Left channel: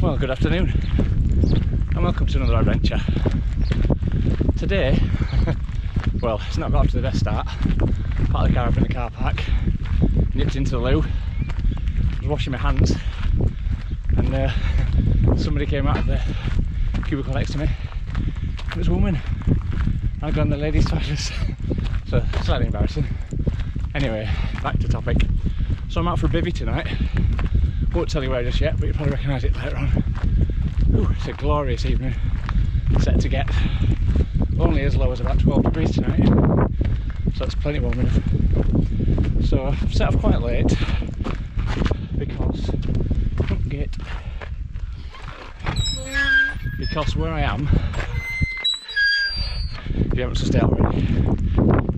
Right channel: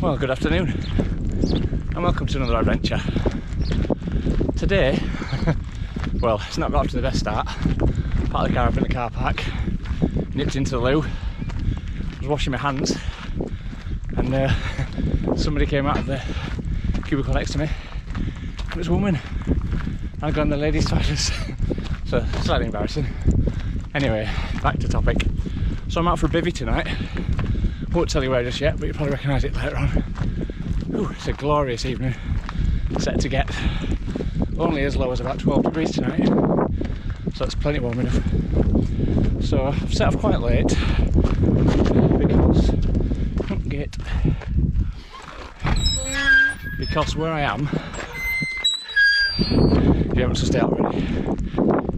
Well, good afternoon and welcome to another adventure. Today, well, it's not got off to the best start. Parked the car up in the car park, nipped into the loo, was washing my hands and somebody came out of the cubicle next to me and it was a woman. I'd gone to the ladies' toilets, so slightly embarrassing. Anyway, back to topic. So I'm out for a bivvy tonight. Won't tell you where just yet, but you'll probably recognise it later on. Ooh, it's a glorious evening. Set to get only as low as about 12 degrees tonight, so it's plenty warm enough. So I've set off quite late because where I am, if you haven't sussed it out already,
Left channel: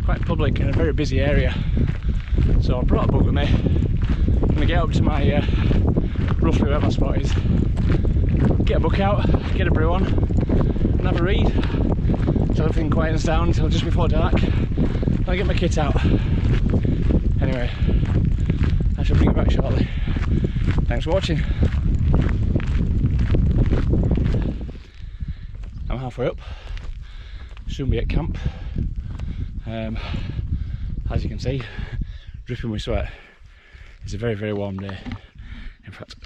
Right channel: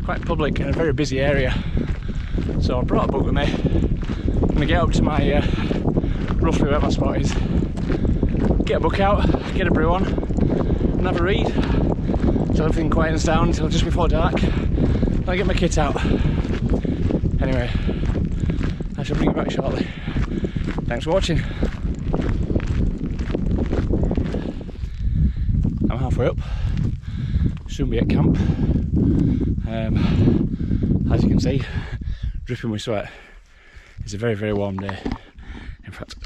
quite public and a very busy area. So I brought a book with me. I'm going to get up to my roughly where my spot is, get a book out, get a brew on and have a read until everything quietens down until just before dark. Then I get my kit out. Anyway, I shall bring you back shortly. Thanks for watching. I'm halfway up, soon be at camp. As you can see, dripping with sweat. It's a very, very warm day. In fact,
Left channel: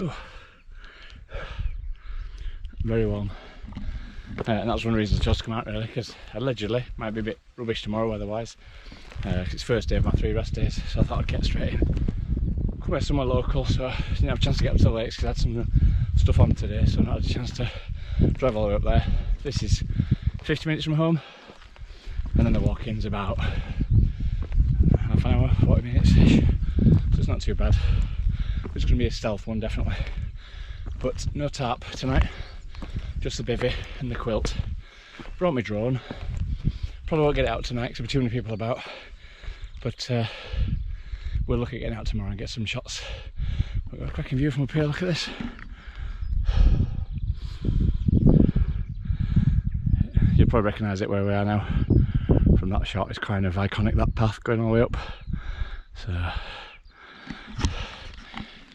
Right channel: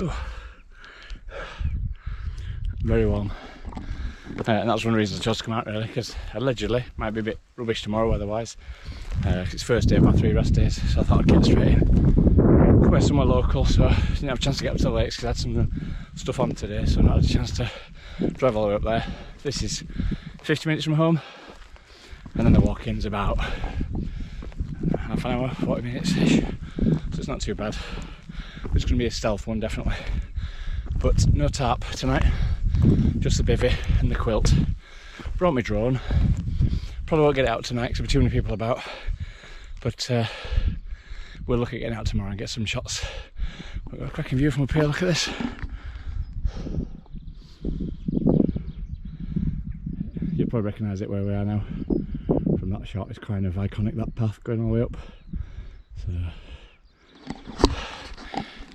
very warm. And that's one reason I chose to come out, really, because allegedly might be a bit rubbish tomorrow weather-wise. It's first day of my 3 rest days, so I thought I'd get straight in. Come here somewhere local, so I didn't have a chance to get up to the lakes because I had some stuff on today, so I not had a chance to drive all the way up there. This is 50 minutes from home, and then the walk-in's about half an hour, 40 minutes-ish, so it's not too bad. It's going to be a stealth one, definitely. But no tarp tonight, just the bivvy and the quilt. Brought my drone. Probably won't get it out tonight because there'll be too many people about. But we'll look at getting out tomorrow and get some shots. We've got a cracking view from up here, look at this. You'll probably recognise it where we are now. From that shot, it's kind of iconic, that path going all the way up. So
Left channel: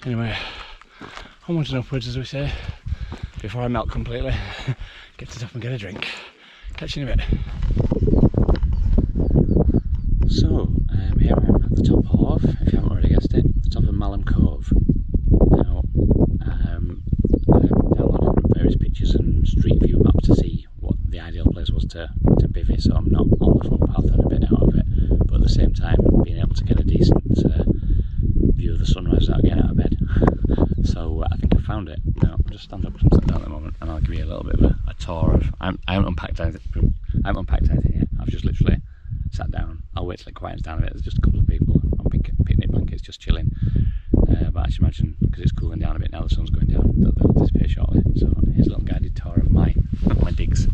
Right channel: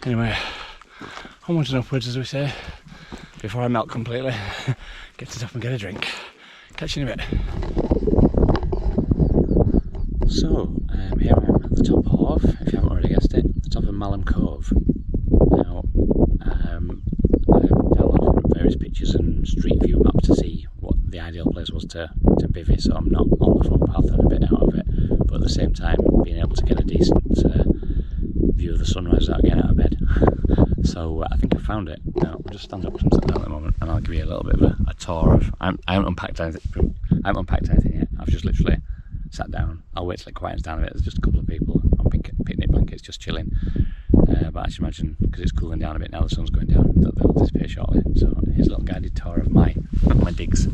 anyway, onwards and upwards, as we say, before I melt completely. Get to the top and get a drink. Catch you in a bit. So, here I am at the top of, if you haven't already guessed it, the top of Malham Cove. Now, I downloaded various pictures and street view maps to see what the ideal place was to bivvy, so I'm not on the footpath and a bit out of it, but at the same time being able to get a decent view of the sunrise without getting out of bed. So I think I found it. Now I'll just stand up because I'm sat down at the moment, and I'll give you a little bit of a tour of. I haven't unpacked anything. yet. I've just literally sat down. I'll wait till it quiets down a bit. There's just a couple of people on picnic blankets just chilling. But I should imagine, because it's cooling down a bit now, the sun's going down, that they'll disappear shortly. So here's a little guided tour of my digs.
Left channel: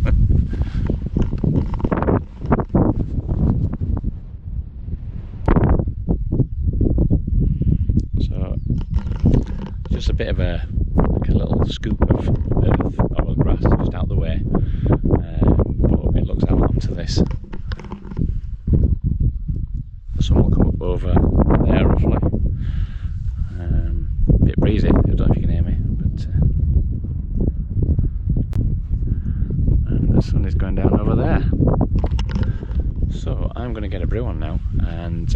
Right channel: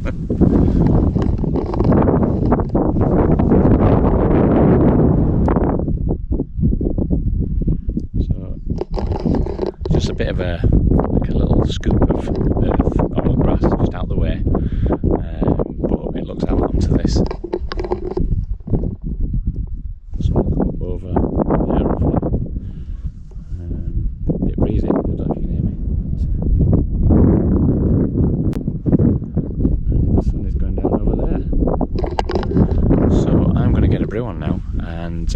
Just a bit of a little scoop of earth or grass just out the way, but it looks out onto this. The sun will come up over there roughly. A bit breezy, I don't know if you can hear me, but and the sun is going down over there. So I'm going to get a brew on now and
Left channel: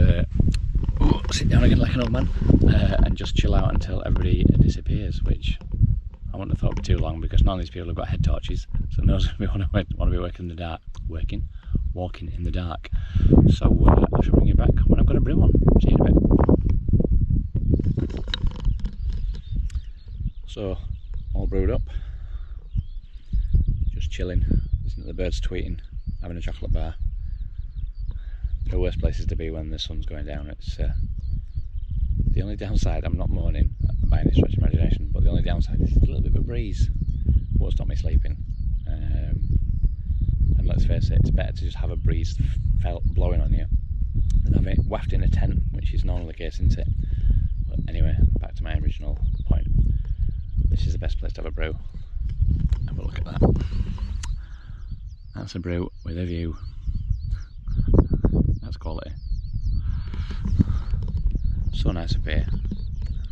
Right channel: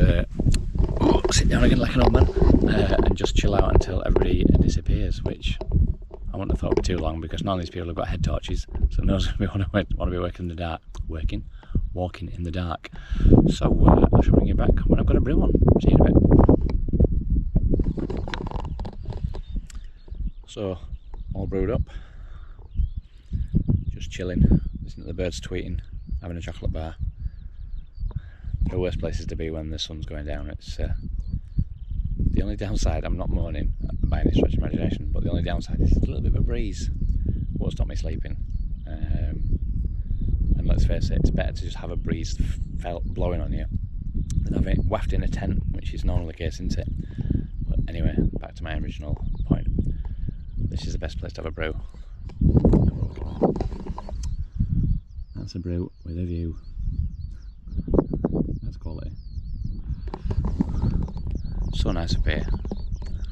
sit down again like an old man and just chill out until everybody disappears, which I wouldn't have thought would be too long because none of these people have got head torches, so no one's going to want to be walking in the dark. So I shall bring you back when I've got a brew on. See you in a bit. So all brewed up, just chilling, listening to the birds tweeting, having a chocolate bar. The worst places to be when the sun's going down. It's the only downside, I'm not moaning by any stretch of imagination, but the only downside is a little bit of a breeze. Won't stop me sleeping. And let's face it, it's better to just have a breeze blowing on you than have it wafted in a tent, which is normally the case, isn't it? But anyway, back to my original point. This is the best place to have a brew. Have a look at that. That's a brew with a view. That's quality. So nice up here.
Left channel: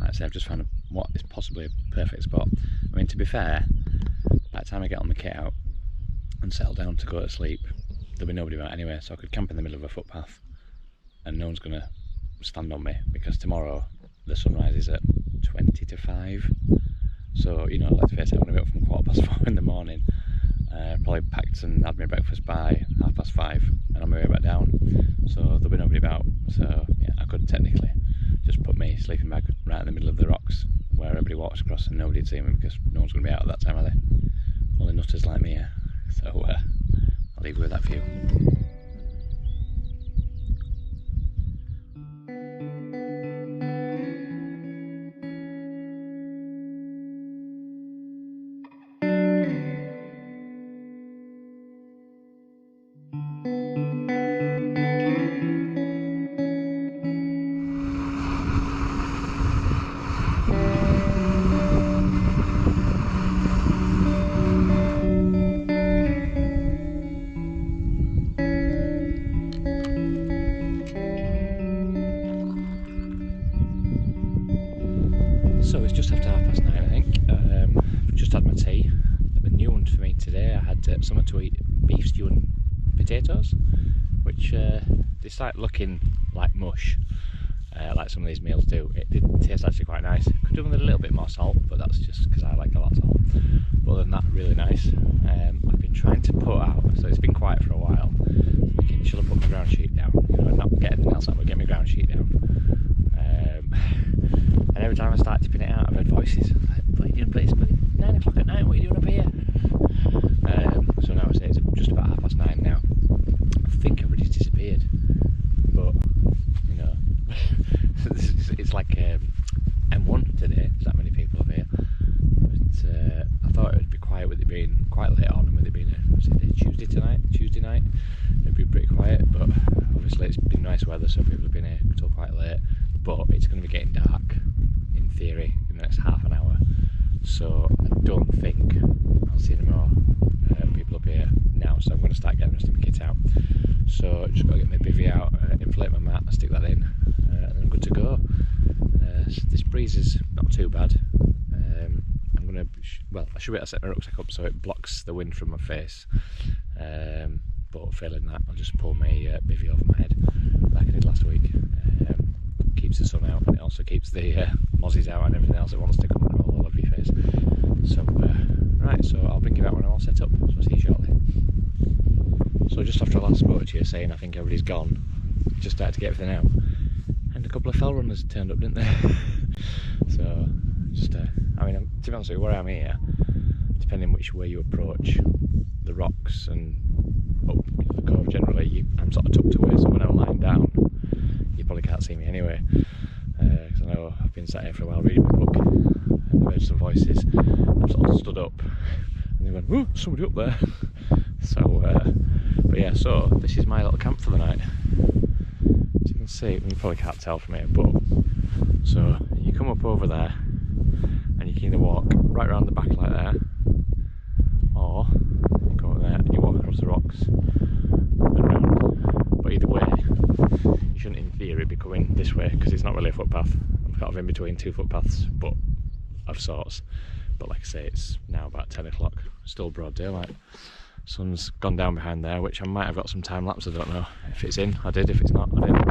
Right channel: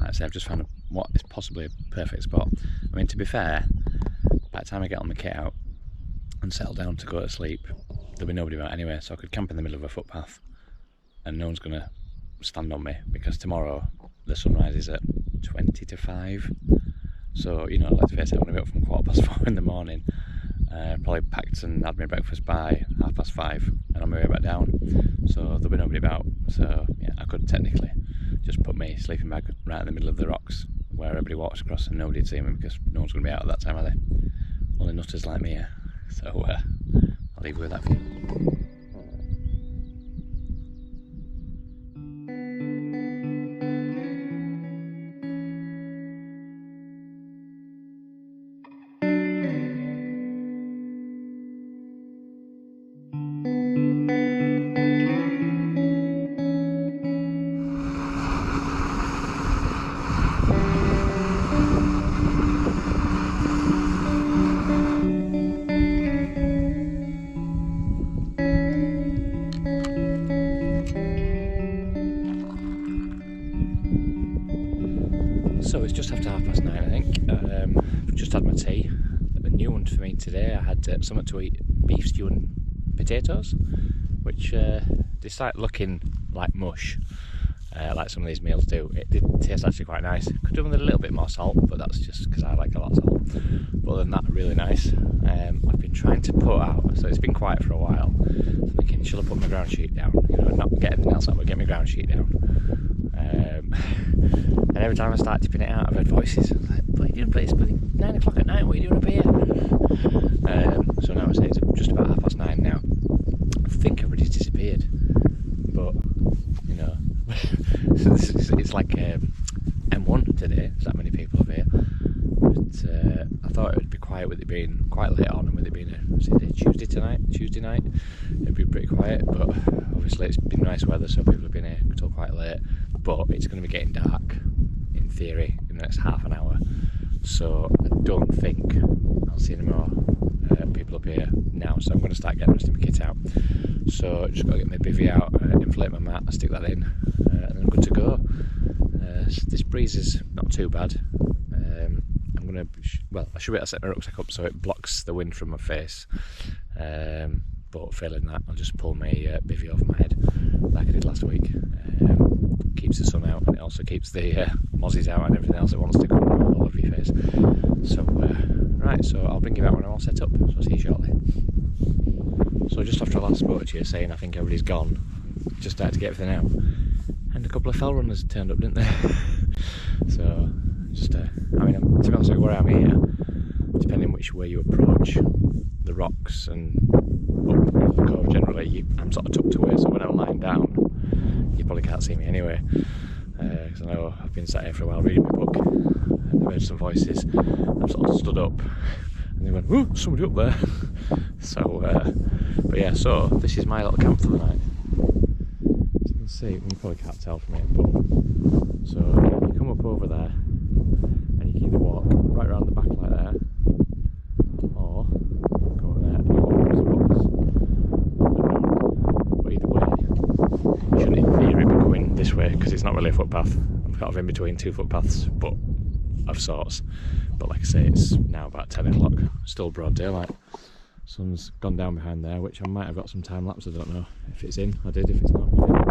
Like I say, I've just found what is possibly a perfect spot. I mean, to be fair, by the time I get all my kit out and settle down to go to sleep, there'll be nobody about anyway, so I could camp in the middle of a footpath and no one's going to stand on me, because tomorrow the sunrise is at 20 to 5. So, you know, let's face it, I'm going to be up from 4:15 in the morning. Probably packed and had my breakfast by 5:30 and on my way back down. So there'll be nobody about. So yeah, I could technically just put my sleeping bag right in the middle of the rocks where everybody walks across and nobody'd see me, because no one's going to be out at that time, are they? Only nutters like me, yeah. So I'll leave you with that view. So it's just after 9:30, I think. Just had my tea. A new one for me today. I had something to eat: beef stew and potatoes, which they start looking like mush, like some of these meals do. It did taste actually quite nice. Could do with a little bit more salt, but that's just because I like a lot of salt. But other than that, really nice. I've been trying to put out, so it's been quiet for a while. I'm thinking, should I put my ground sheet down? You know, not get anything else out, but get my ground sheet down. And every time I start tipping it out, I've heard voices like, "What are you doing, please? 9 o'clock at night, what are you doing up here?" So now I say it's just about 9:30 now. I think everybody's disappeared, but you know, it's like M1 today. There's that many people up here. But I thought it would be quiet with it being quite late on, and with it being Tuesday night, it'd be pretty quiet. But obviously it's been nice weather, so people have been here until quite late. But it's going to be getting dark, in theory, in the next half an hour. So I don't think I'll see any more people up here now. So I'm going to start getting the rest of my kit out. So just got to get my bivvy out, inflate my mat, stick that in, and then I'm good to go. This breeze is not too bad. I'm going to, well, I should be able to set my rucksack up so it blocks the wind from my face. But failing that, I'll just pull my bivvy over my head like I did last week. Keeps the sun out, and it also keeps the mozzies out and everything else that wants to come all over your face. So right, so I'll bring you back when I'm all set up, so I'll see you shortly. So just after I last spoke to you saying I think everybody's gone, just started to get everything out, and a couple of fell runners turned up, didn't they? So just I mean, to be honest with you, where I'm here, depending which way you approach the rocks and up the cove generally, I'm sort of tucked away, so when I'm lying down you probably can't see me anyway, because I know I've been sat here for a while reading my book and I've heard some voices. I've sort of stood up and they went, "Ooh, somebody up there." So but yeah, so this is my little camp for the night. As you can see, you probably can't tell from here, but so you come up over there and you can either walk right around the back like there, or go up there and you walk across the rocks and round. But either way, you shouldn't in theory be going this way, because it's not really a footpath. I'm kind of in between two footpaths, but of sorts. But like I say, it's now about 10 o'clock, still broad daylight. Sun's gone down behind there, which I might have got some time lapse, I don't know. If it's in, I did. If it's not, I didn't.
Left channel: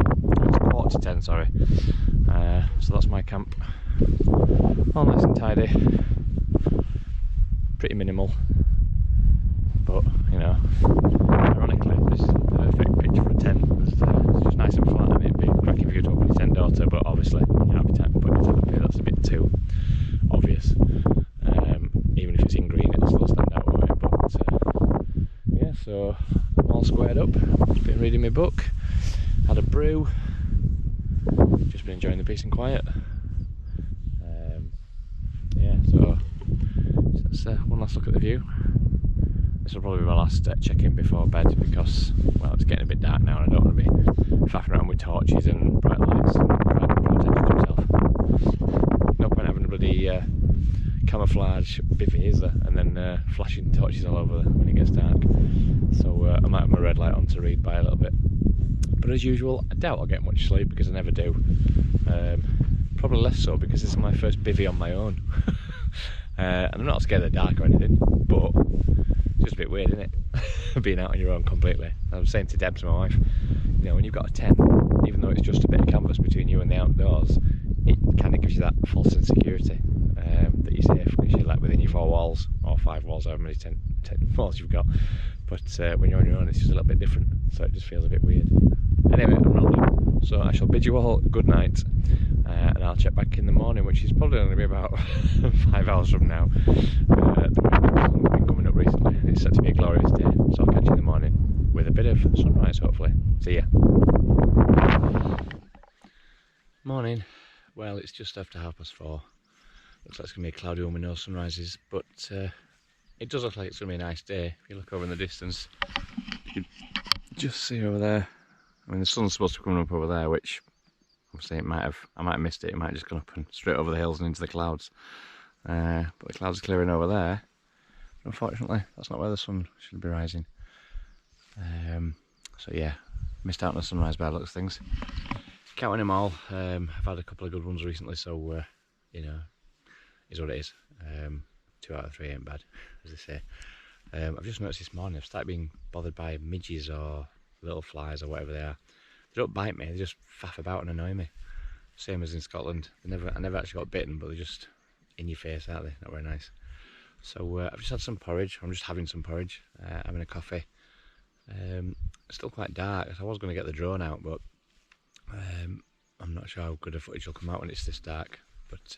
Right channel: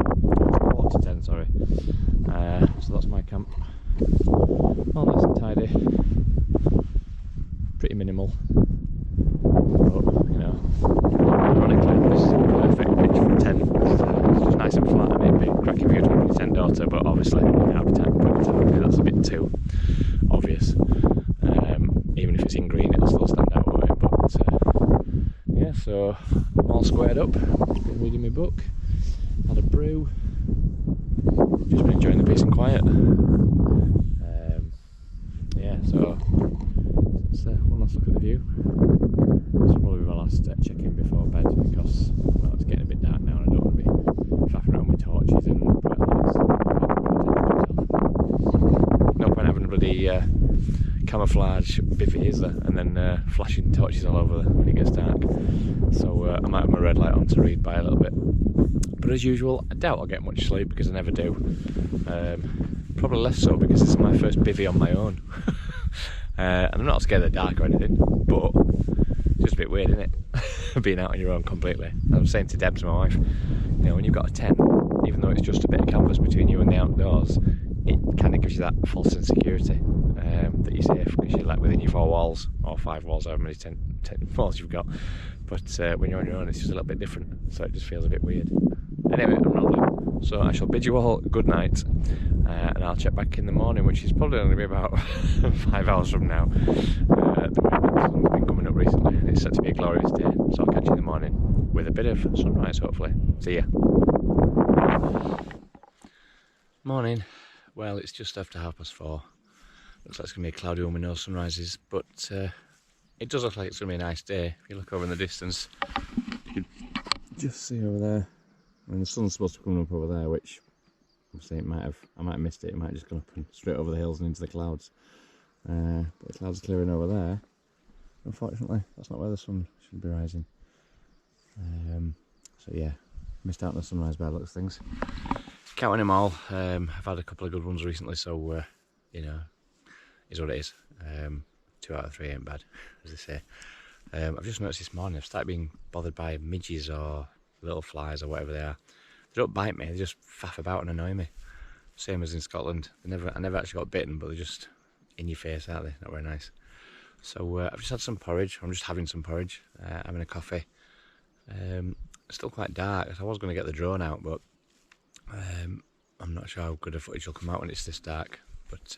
It's 9:45, sorry. So that's my camp. All nice and tidy. Pretty minimal. But, you know, ironically, this is the perfect pitch for a tent. It's just nice and flat, and it'd be cracking for you to put your tent daughter, but obviously, I'll be time to put your tent up here. That's a bit too obvious. Even if it's in green, it'll still stand out away. But yeah, so I'm all squared up. Just been reading my book, had a brew, just been enjoying the peace and quiet. Yeah, so let's one last look at the view. This will probably be my last check-in before bed, because, well, it's getting a bit dark now and I don't want to be faffing around with torches and bright lights and no point having a bloody camouflage bivvy, is there? And then flashing torches all over when it gets dark. So I might have my red light on to read by a little bit. But as usual, I doubt I'll get much sleep, because I never do. probably less so because it's my first bivvy on my own. And I'm not scared of the dark or anything, but it's just a bit weird, isn't it? Being out on your own completely. I was saying to Deb, to my wife, you know, when you've got a tent, even though it's just a bit of canvas between you and the outdoors, it kind of gives you that false insecurity that you're safe because you're like within your 4 walls or 5 walls, however many 10 walls you've got. But when you're on your own, it's just a little bit different, so it just feels a bit weird. Anyway, I'm rambling, so I shall bid you all good night, and I'll check back in the morning, which is probably going to be about 5 hours from now. The sun's been coming up recently, and it's set to be a glorious day, so I'll catch you in the morning with a bit of sunrise, hopefully. See ya. Morning. Well, it's just after 4:30. Looks like it's going to be a cloudy one with no sunrises, but it does look like it's going to be a nice day. If you look over in the distance, you can just see over there. I mean, the sun's supposed to be coming up over there, which obviously I might have missed it. It might have just gone up and straight over the hills and into the clouds. But the clouds are clearing over there. Unfortunately, that's not where the sun should be rising. So yeah, missed out on the sunrise by the looks of things. Counting them all, I've had a couple of good ones recently, so you know, is what it is. 2 out of 3 ain't bad, as they say. I've just noticed this morning I've started being bothered by midges or little flies or whatever they are. They don't bite me, they just faff about and annoy me. Same as in Scotland. I never actually got bitten, but they're just in your face, aren't they? Not very nice. So I've just had some porridge. I'm just having some porridge, having a coffee. It's still quite dark. I was going to get the drone out, but I'm not sure how good a footage will come out when it's this dark. But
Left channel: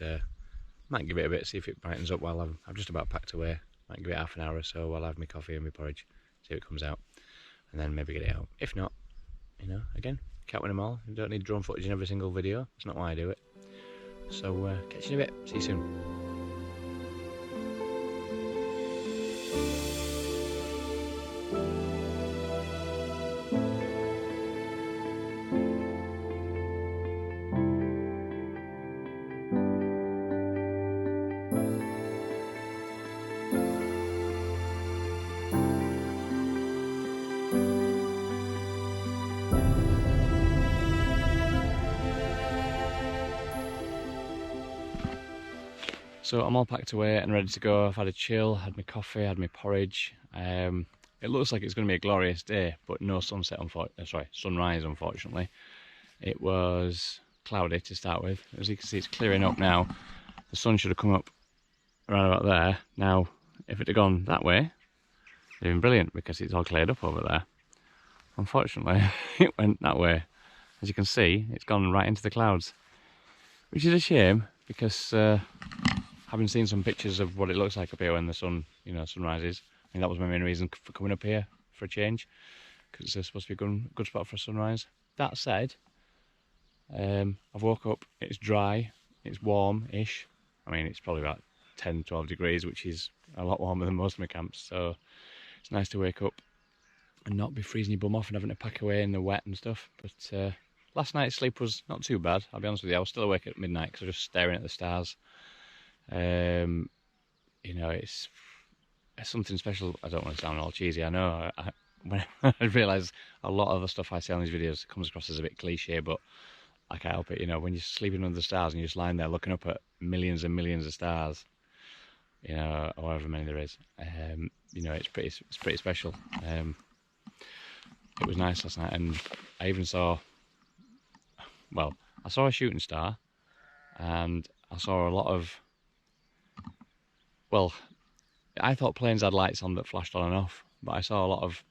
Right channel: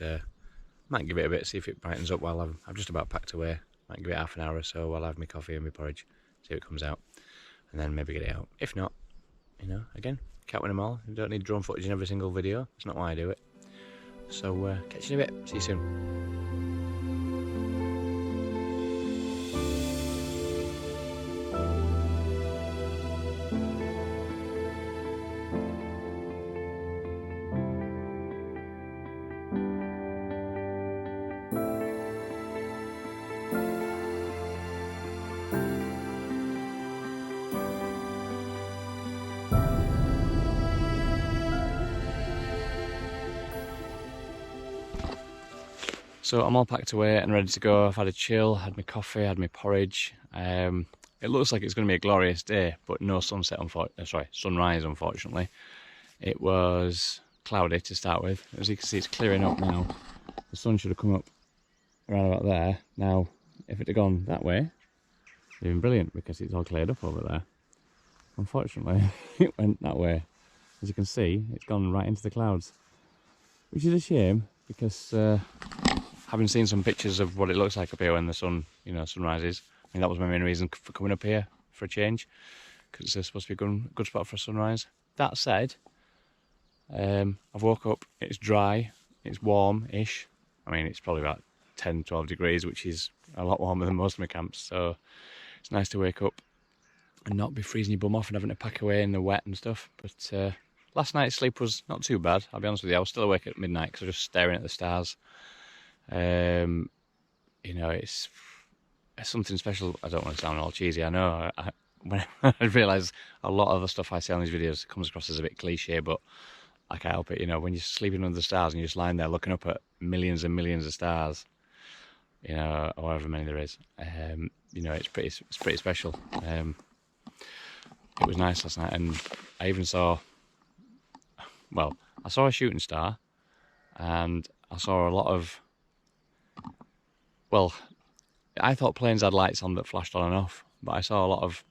might give it a bit, see if it brightens up while I'm just about packed away. Might give it half an hour or so while I have my coffee and my porridge, see if it comes out, and then maybe get it out. If not, you know, again, can't win them all. You don't need drone footage in every single video. It's not why I do it. So catch you in a bit. See you soon. So I'm all packed away and ready to go. I've had a chill, had my coffee, had my porridge. It looks like it's going to be a glorious day, but no sunset, sunrise, unfortunately. It was cloudy to start with. As you can see, it's clearing up now. The sun should have come up around about there. Now, if it had gone that way, it'd been brilliant because it's all cleared up over there. Unfortunately, it went that way. As you can see, it's gone right into the clouds, which is a shame because having seen some pictures of what it looks like up here when the sun, you know, sunrises, I mean, that was my main reason for coming up here for a change, because it's supposed to be a good spot for a sunrise. That said, I've woke up, it's dry, it's warm-ish. I mean, it's probably about 10-12 degrees, which is a lot warmer than most of my camps, so it's nice to wake up and not be freezing your bum off and having to pack away in the wet and stuff. But last night's sleep was not too bad, I'll be honest with you. I was still awake at midnight because I was just staring at the stars. You know, it's something special. I don't want to sound all cheesy, I know. When I realise a lot of the stuff I say on these videos comes across as a bit cliche, but I can't help it. You know, when you're sleeping under the stars and you're just lying there looking up at millions and millions of stars, you know, however many there is, you know, it's pretty special. It was nice last night, and I even saw, well, I saw a shooting star, and I saw a lot of, well, I thought planes had lights on that flashed on and off, but I saw a lot of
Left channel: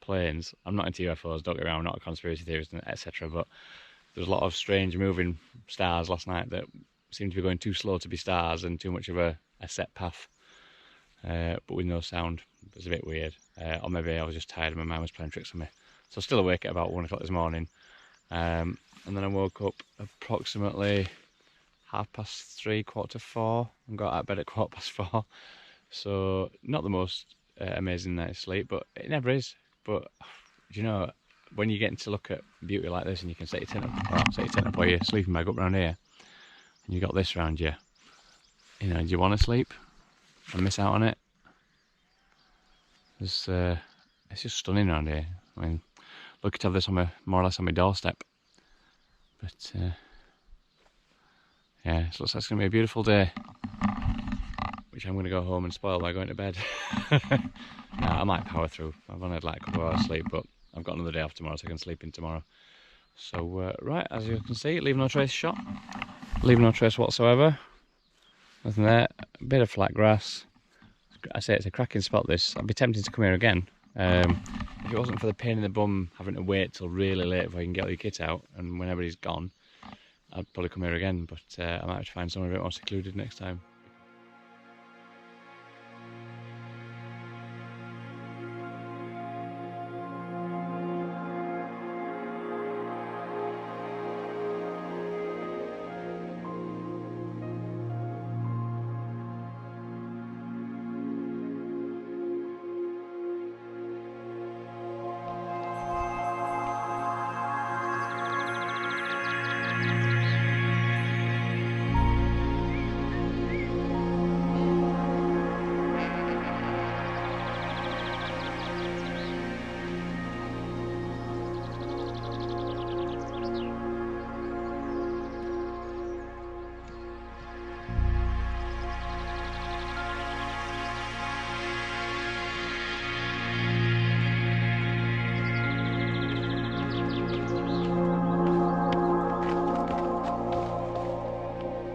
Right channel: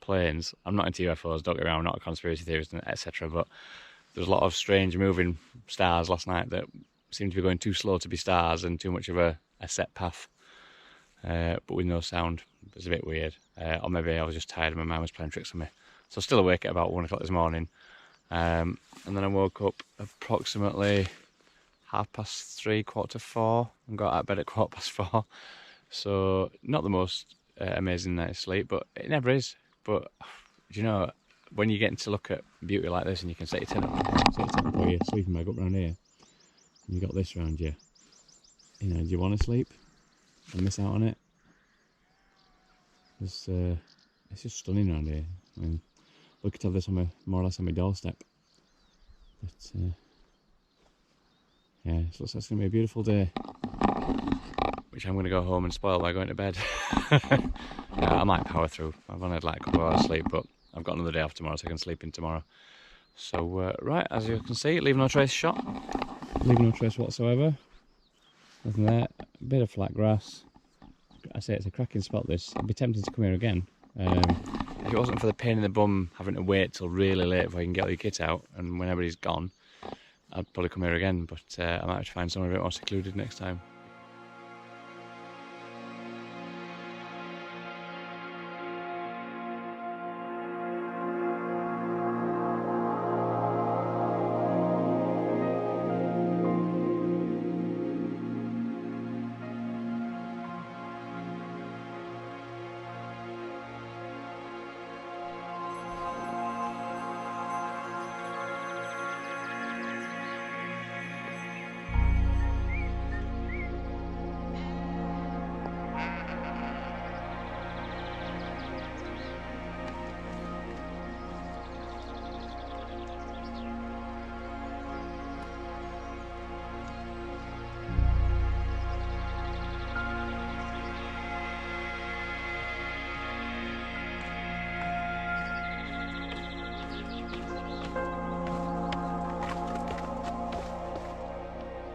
planes. I'm not into UFOs, don't get me wrong, I'm not a conspiracy theorist, etc., but there's a lot of strange moving stars last night that seemed to be going too slow to be stars and too much of a set path, but with no sound. It was a bit weird, or maybe I was just tired and my mind was playing tricks on me. So I was still awake at about 1 o'clock this morning, and then I woke up approximately 3:30, 4:45, and got out of bed at 4:15. So not the most amazing night's sleep, but it never is. But you know, when you're getting to look at beauty like this and you can set your tent up, or your sleeping bag up around here, and you got this around you, you know, do you want to sleep and miss out on it? It's just stunning around here. I mean, lucky to have this on more or less on my doorstep. But Yeah, it looks like it's going to be a beautiful day, which I'm going to go home and spoil by going to bed. I might power through. I've only had like a couple of hours sleep, but I've got another day off tomorrow, so I can sleep in tomorrow. So, right, as you can see, leave no trace shot. Leave no trace whatsoever. Nothing there. A bit of flat grass. I say it's a cracking spot, this. I'd be tempted to come here again. If it wasn't for the pain in the bum having to wait till really late before you can get all your kit out, and when everybody's gone, I'd probably come here again, but I might have to find somewhere a bit more secluded next time.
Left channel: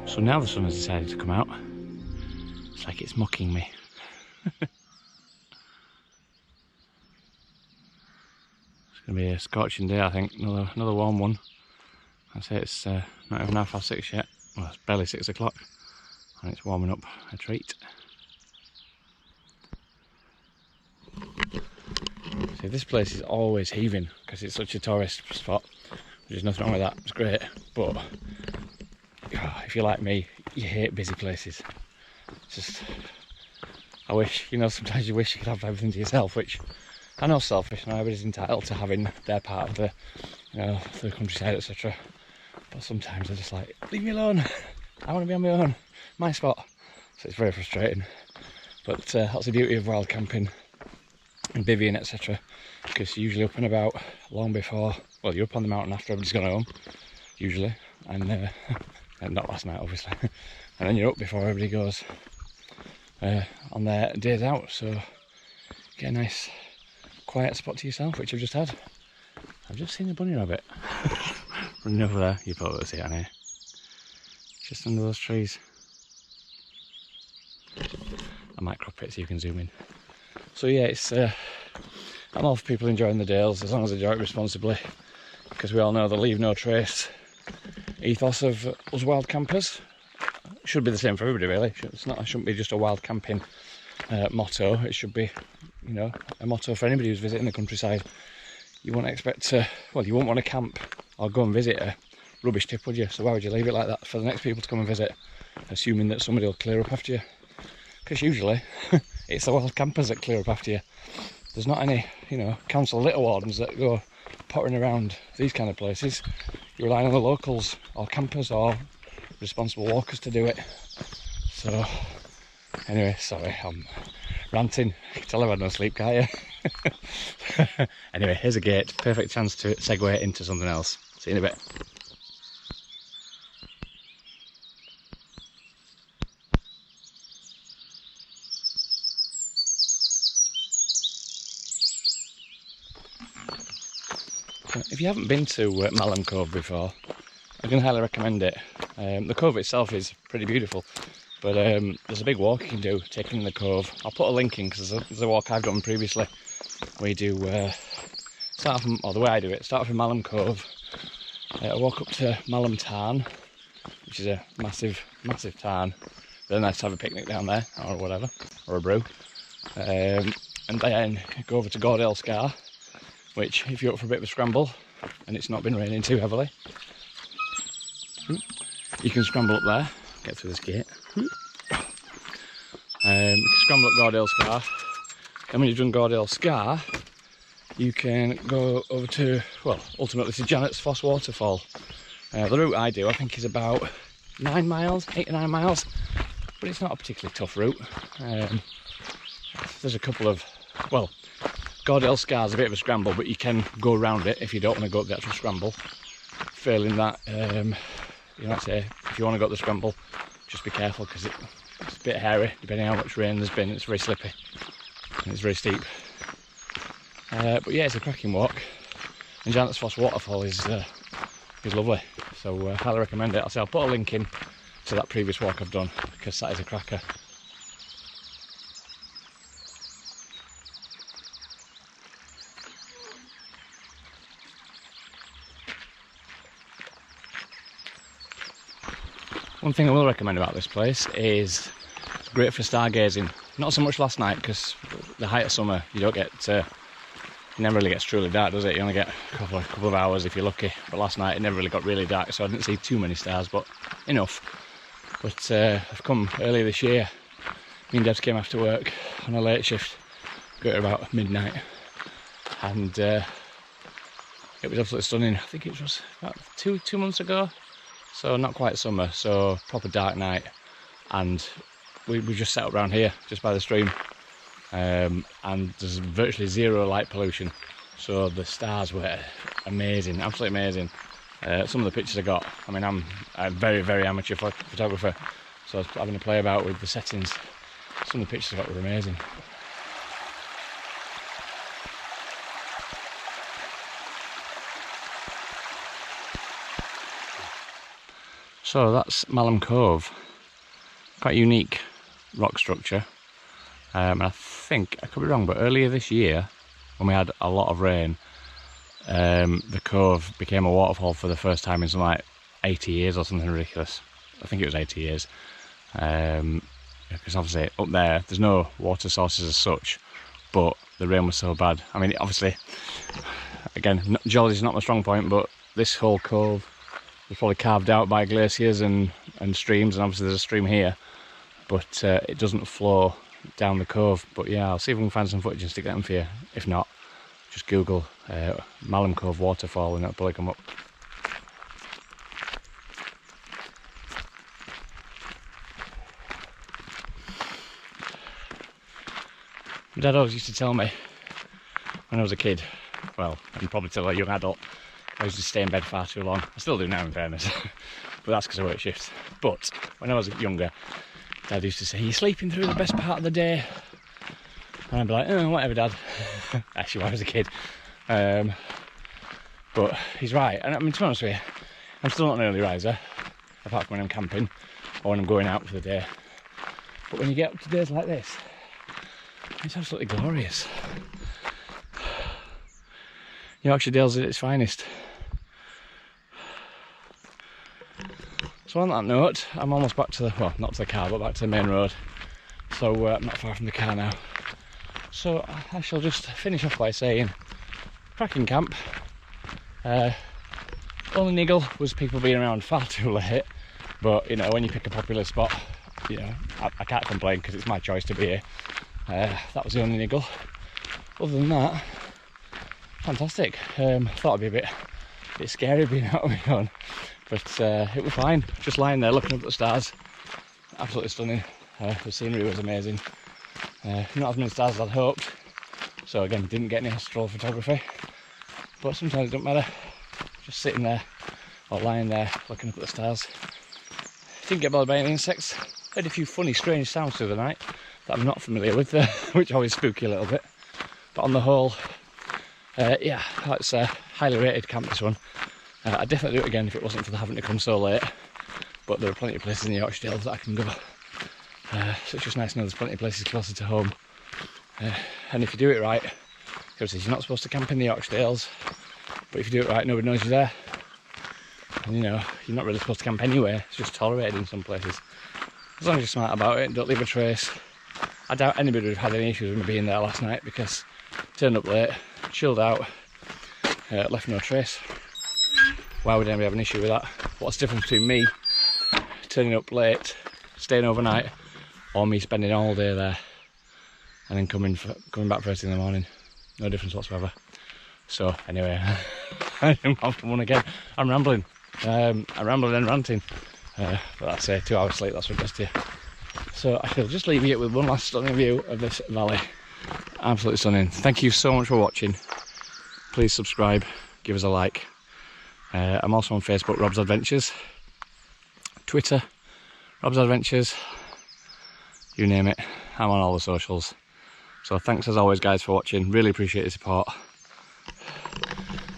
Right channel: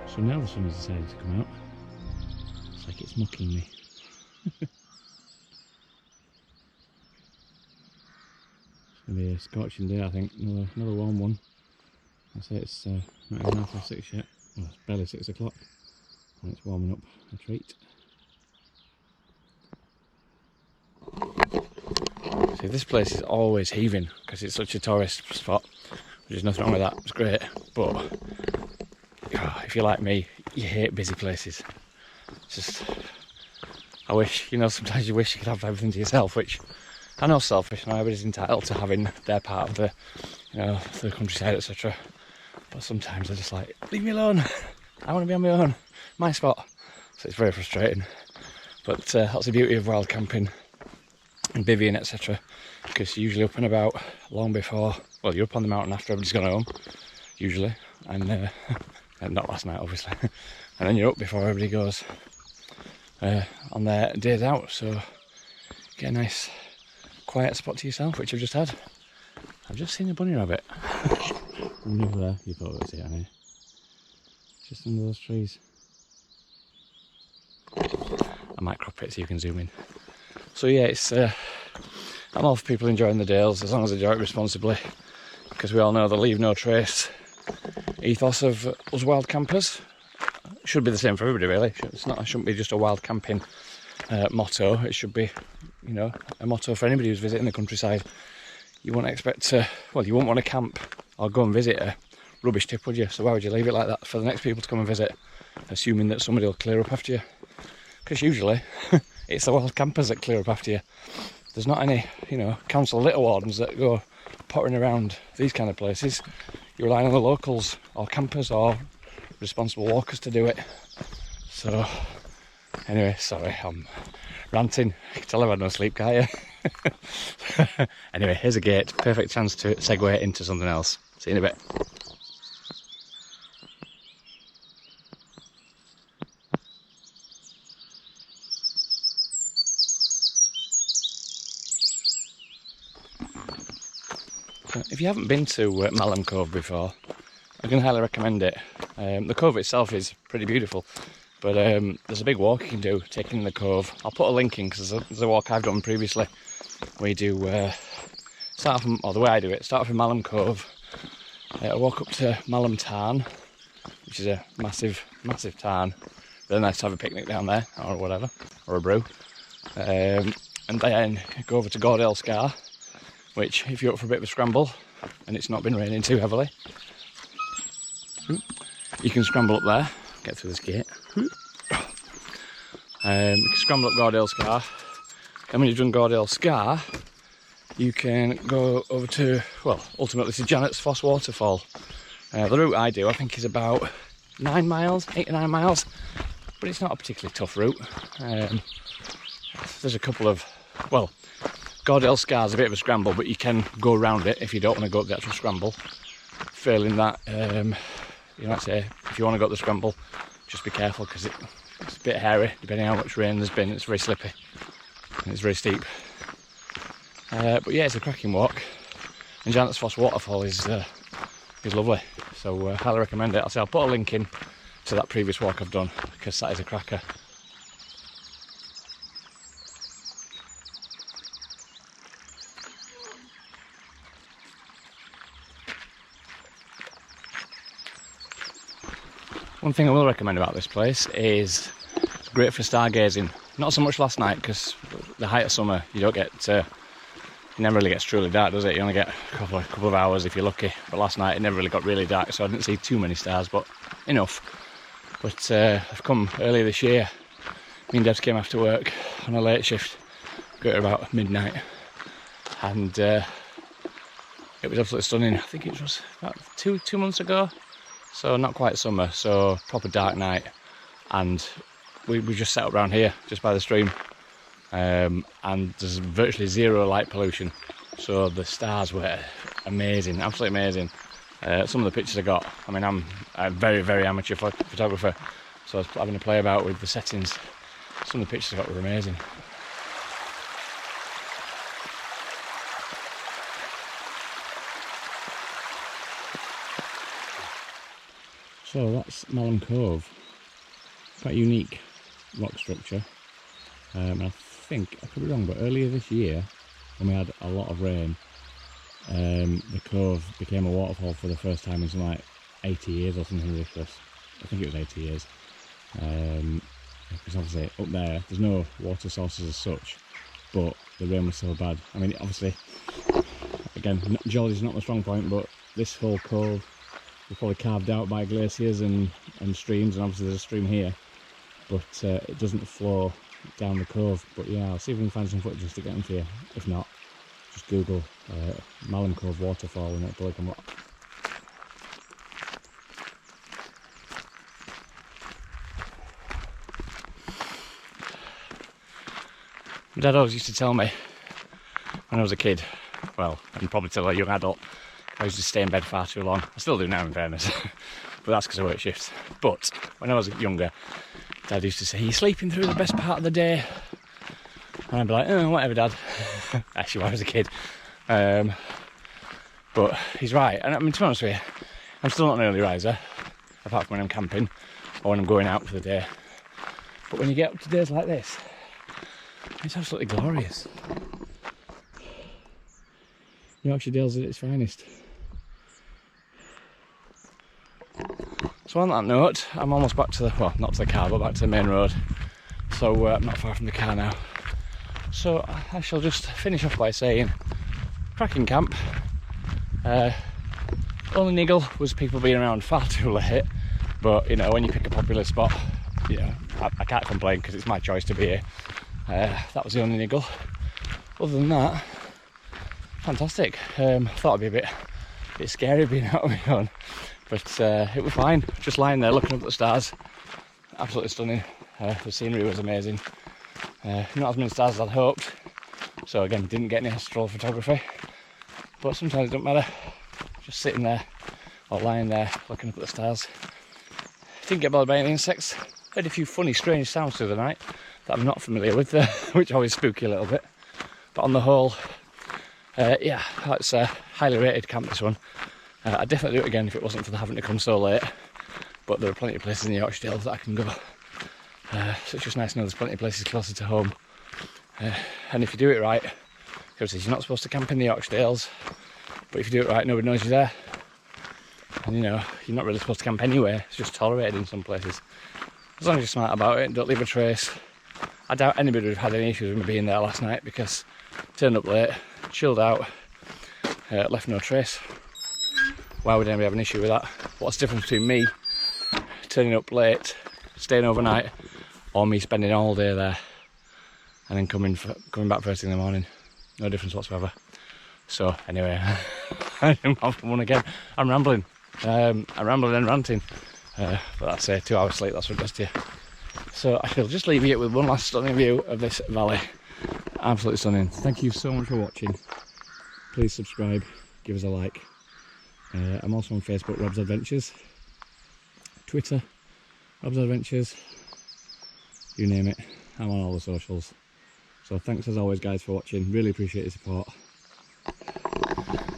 So now the sun has decided to come out. It's like it's mocking me. It's going to be a scorching day, I think. Another warm one. I say it's not even 6:30 yet. Well, it's barely 6 o'clock. And it's warming up a treat. See, this place is always heaving because it's such a tourist spot. There's nothing wrong with that. It's great. But if you're like me, you hate busy places. Just, I wish, sometimes you wish you could have everything to yourself, which I know selfish, and everybody's entitled to having their part of the, the countryside, etc. But sometimes they're just like, leave me alone. I want to be on my own, my spot. So it's very frustrating. But that's the beauty of wild camping and bivvying, etc. Because you're usually up and about long before, well, you're up on the mountain after everybody's gone home, usually, and not last night, obviously. And then you're up before everybody goes on their days out, so get a nice quiet spot to yourself, which I've just had. I've just seen a bunny rabbit running over there. You probably see it on here. Just under those trees. I might crop it so you can zoom in. So yeah, it's I'm all for people enjoying the Dales as long as they enjoy it responsibly, because we all know the leave no trace ethos of us wild campers. Should be the same for everybody, really. It shouldn't be just a wild camping motto. It should be, a motto for anybody who's visiting the countryside. You wouldn't expect to, well, you wouldn't want to camp or go and visit a rubbish tip, would you? So why would you leave it like that for the next people to come and visit, assuming that somebody will clear up after you? Because usually it's the wild campers that clear up after you. There's not any, council litter wardens that go pottering around these kind of places. You're relying on the locals or campers or responsible walkers to do it. So anyway, sorry, I'm ranting. You can tell I've had no sleep, can't you? Anyway, here's a gate. Perfect chance to segue into something else. See you in a bit. So if you haven't been to Malham Cove before, I can highly recommend it. The cove itself is pretty beautiful, but there's a big walk you can do taking the cove. I'll put a link in because there's a walk I've done previously. We do start from, or the way I do it, start from Malham Cove, walk up to Malham Tarn, which is a massive tarn. Really nice to have a picnic down there, or whatever, or a brew. And then go over to Gordale Scar, which, if you're up for a bit of a scramble and it's not been raining too heavily, you can scramble up there, get through this gate. You can scramble up Gordale Scar, and when you've done Gordale Scar, you can go over to, well, ultimately to Janet's Foss Waterfall. The route I do, I think, is about 9 miles, 8 or 9 miles, but it's not a particularly tough route. There's a couple of, well, Gordale Scar's a bit of a scramble, but you can go around it if you don't want to go up the actual scramble. Failing that, You know, say if you want to go up the scramble, just be careful because it's a bit hairy depending on how much rain there's been. It's very slippy and it's very steep. But yeah, it's a cracking walk. And Janet's Foss waterfall is lovely, so highly recommend it. I'll put a link in to that previous walk I've done because that is a cracker. One thing I will recommend about this place is it's great for stargazing. Not so much last night because the height of summer you don't get, it never really gets truly dark, does it? You only get a couple of hours if you're lucky. But last night it never really got really dark, so I didn't see too many stars, but enough. But I've come earlier this year. Me and Debs came after work on a late shift, got here about midnight, and it was absolutely stunning. I think it was about two months ago. So not quite summer, so proper dark night, and we just set up around here, just by the stream, and there's virtually zero light pollution, so the stars were amazing, absolutely amazing. Some of the pictures I got, I mean, I'm a very, very amateur photographer, so I was having to play about with the settings. Some of the pictures I got were amazing. So that's Malham Cove, quite a unique rock structure, and I think, I could be wrong, but earlier this year when we had a lot of rain, the cove became a waterfall for the first time in something like 80 years or something ridiculous. I think it was 80 years, because obviously up there's no water sources as such, but the rain was so bad. I mean, obviously, again, geology is not my strong point, but this whole cove was probably carved out by glaciers and streams, and obviously there's a stream here, but it doesn't flow down the cove. But yeah, I'll see if we can find some footage and stick that in for you. If not, just Google Malham Cove waterfall and it'll probably come up. My dad always used to tell me when I was a kid, well, and probably till a young adult, I used to stay in bed far too long. I still do now, in fairness, but that's because I work shifts. But when I was younger, Dad used to say, "You're sleeping through the best part of the day," and I'd be like, "Oh, whatever, Dad." Actually, when I was a kid, but he's right. And I mean, to be honest with you, I'm still not an early riser, apart from when I'm camping or when I'm going out for the day. But when you get up to days like this, it's absolutely glorious. Yorkshire Dales at its finest. So on that note, I'm almost back to the, well, not to the car, but back to the main road. So I'm not far from the car now. So I shall just finish off by saying, cracking camp. Only niggle was people being around far too late. But, you know, when you pick a popular spot, you know, I can't complain because it's my choice to be here. That was the only niggle. Other than that, fantastic. Thought it'd be a bit scary being out on my own, but it was fine. Just lying there looking up at the stars, absolutely stunning. The scenery was amazing. Not as many stars as I'd hoped, so again, didn't get any astral photography, but sometimes it don't matter. Just sitting there or lying there looking up at the stars. Didn't get bothered by any insects. Heard a few funny, strange sounds through the night that I'm not familiar with, which always spooky a little bit. But on the whole, yeah, that's a highly rated camp, this one. I'd definitely do it again if it wasn't for having to come so late. But there are plenty of places in the Yorkshire Dales that I can go. So it's just nice to know there's plenty of places closer to home. And if you do it right, because you're not supposed to camp in the Yorkshire Dales, but if you do it right, nobody knows you're there. And you know, you're not really supposed to camp anywhere, it's just tolerated in some places. As long as you're smart about it and don't leave a trace. I doubt anybody would have had any issues with me being there last night because turned up late, chilled out, left no trace. Why would anybody have an issue with that? What's the difference between me turning up late, staying overnight, or me spending all day there and then coming back first thing in the morning? No difference whatsoever. So anyway, I'm off on one again. I'm rambling. I'm rambling and ranting. But that's 2 hours sleep, that's what it does to you. So I shall just leave you with one last stunning view of this valley. Absolutely stunning. Thank you so much for watching. Please subscribe, give us a like. I'm also on Facebook, Rob's Adventures. Twitter, Rob's Adventures, you name it, I'm on all the socials. So thanks as always guys for watching, really appreciate your support.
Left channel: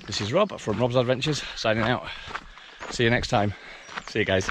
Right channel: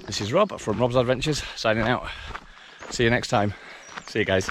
This is Rob from Rob's Adventures signing out. See you next time. See you guys.